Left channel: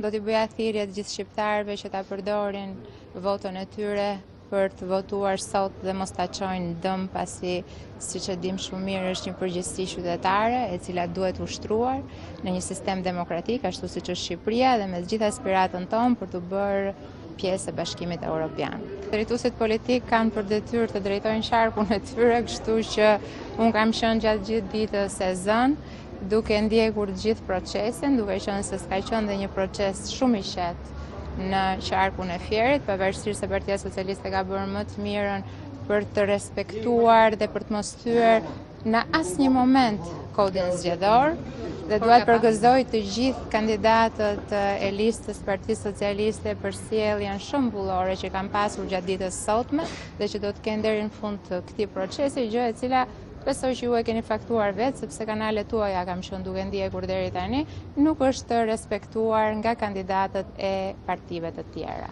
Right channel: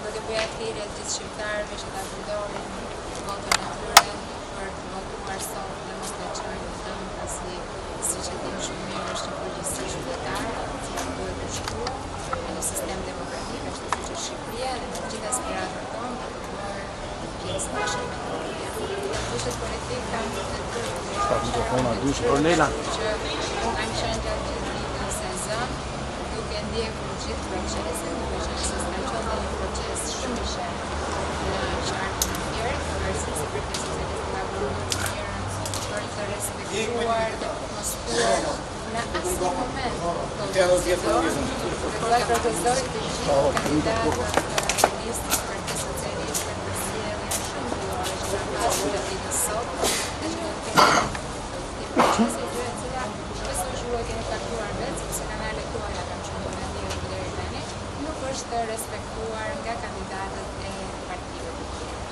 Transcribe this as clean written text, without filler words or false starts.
Do t'i bëja thirrje të gjithë shqiptarëve që ta përdorin votën e tyre për të votuar sot dhe mos ta çojnë dëm, pasi siç e dim shumë mirë është një përgjegjësi qytetare e cila duhet ushtruar në një sistem demokratik ashtu siç është Shqipëria dhe në të gjithë aspiratën tonë për të bërë pjesë e Bashkimit Evropian. Drejtuesit politik kanë për detyrë të drejtojnë sharkun e tyre, kështu që unë kam qenë gjatë gjithë ditës së zënë, duke ndjekur gjithë procesin, duke qenë se s'ka qenë dhe një proces shumë i shehtë në qarkun e Fierit, pavarësisht se Partia Socialiste ka bërë më të mirën për të respektuar dhe për të mos thyer në asnjë moment kodin zgjedhor, dhe dua të përgëzoj të gjithë kandidatët e listës Partisë Socialiste për sjelljen shumë bullore që kanë pasur gjatë ditës sotme dhe që do të kenë deri në fund të këtij procesi, gjë e cila besoj që ju e keni faktuar vetë, sepse kanalet tuaja kam qenë duke ndjekur deri tani, nuk është respektuar nga kandidatët e partive të tjera.